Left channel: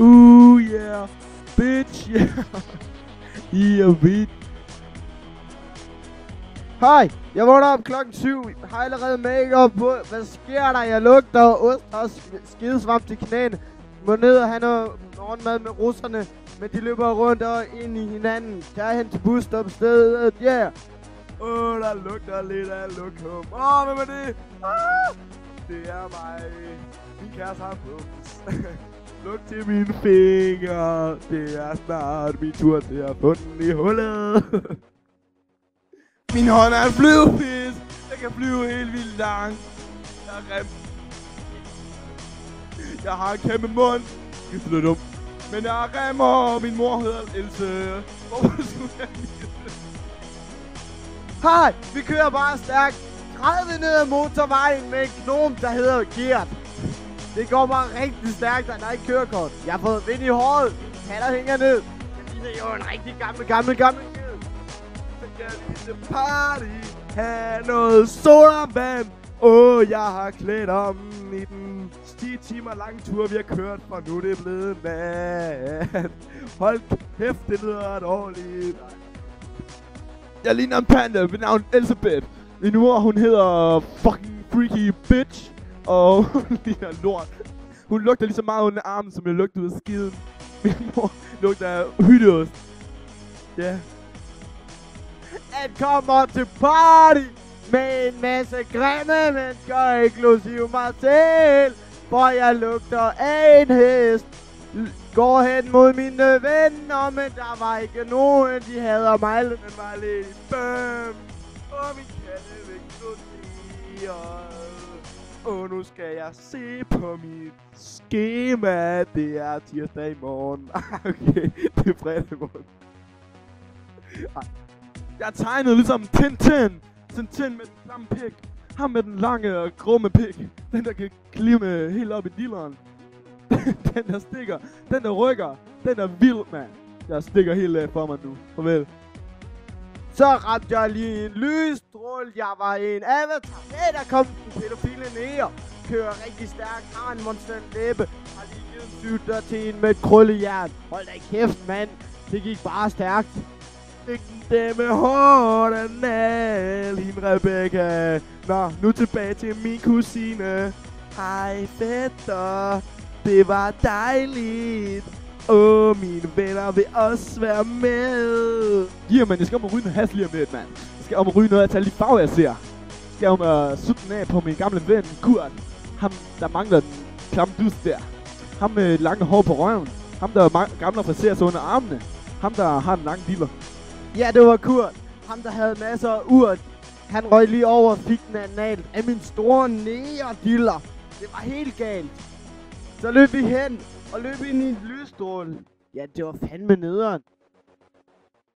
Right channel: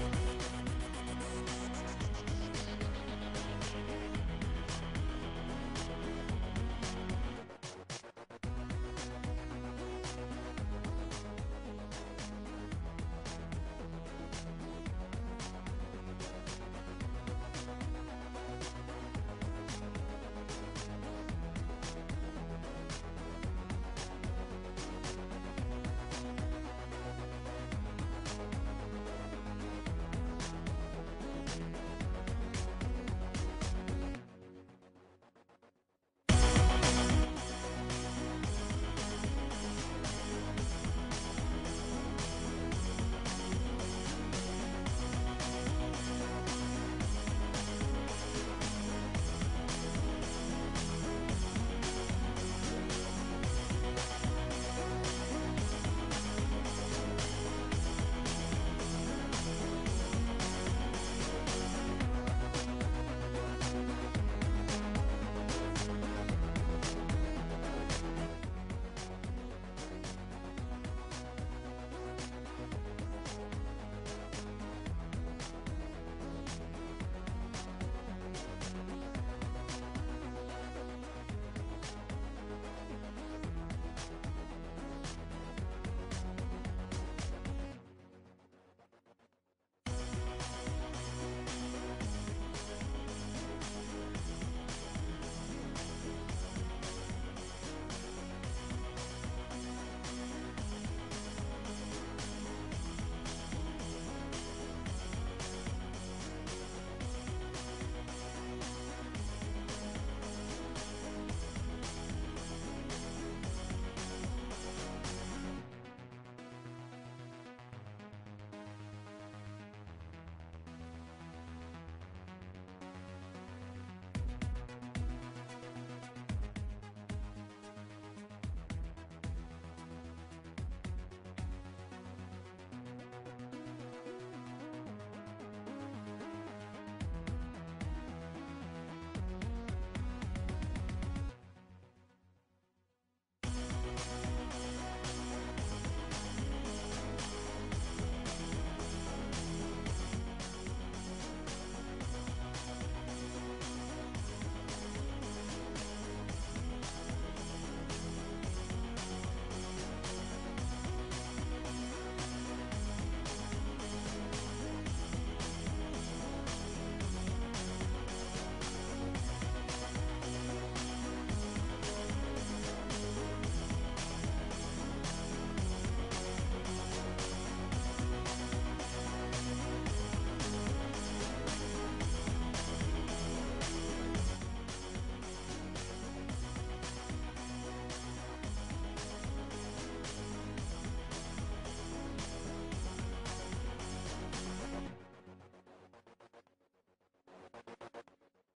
Yeah, bitch, yeah. Yeah, bitch. Hej, jeg vågner op klokken 7. Har allerede make-up på. Hvad sker der? Jeg lugter ost og skidesvamp til knæene. Må ned og have noget morgenmad med russerne. Men de løber rundt og ind i hinanden. Jeg er hen til busstopstedet, yeah. Der lugter lidt af lokum. Hvem er det? Det er mig. Min kæreste har bus. Luk til mine fingre. Det er snart min tur til at få den i hullet. Min hånd er en flyvefisk. Jeg kan flyve helt vildt langt. Jeg er rem. Jeg har en kæmpe mund. Det er så dumt. Men jeg er remmer, og min mor hedder Else. Hej, vi kører bare stærkt. 30 ned ad motorvejen med en gnom, der hedder Gert. Det går bare rigtig stærkt, og der er ikke kørekort. Jeg har fået vind i håret. Hatter hænger ned. Det er jo en rigtig gammel. Party, have noget sodavand. Jeg har klædt om i den 10 timer lang tur, vi har kørt, for nu det er blevet nat. Hold kæft, det lyder dårligt. Jeg ligner en panda ved navn Elisabeth. Min mor, hun hedder fucking freaky bitch. Og hun ligner lort. Hun lugter lige så meget under armen, som jeg lugter ud af skiden. Min mor lugter af hytteost. Ja. Yeah. Han kommer til party med en masse grimme mennesker, inklusive mig selv. For jeg lugter af en hest. Går hen mod mine venner, men der var ikke nogen. De hader mig, men var lidt spøm. Og min katte vil gå og nu skal jeg se på mit skema. Det er tirsdag i morgen. Okay, det er fredag i morgen. Jeg tegnede ligesom Tintin. Tintin med den klamme pik. Ham med den lange og grumme pik. Den der kan klime helt op i dilleren. Den der stikker. Den der rykker. Den der vild, mand. Jeg stikker helt af for mig nu. Farvel. Så ramte jeg lige en lysstråle. Jeg var en avatar. Hey, der kom en pædofile ned. Kører rigtig stærkt. Har en monster læbe. Har lige sytter til en med et krøllejern. Hold da kæft, mand. Det gik bare stærkt. Det med hården af lille Rebecca. Nå, nu tilbage til min kusine. Hej fætter, det var dejligt. Mine venner vil også være med. Man, jeg skal om at ryge med has lige om lidt, mand. Jeg skal om at ryge noget af alle de farver, jeg ser. Jeg skal om at sutte den af på min gamle ven, Kurt. Ham, der mangler den klamme dus der. Ham med lange hår på røven. Ham, der gamle friserer sig under armene. Ham, der har en lang diller. Ja, det var Kurt. Ham, der havde masser af urt. Han røg lige over og fik den af min store nære-diller. Det var helt galt. Så løb vi hen og løb ind i en lysstråle. Ja, det var fandme nederen.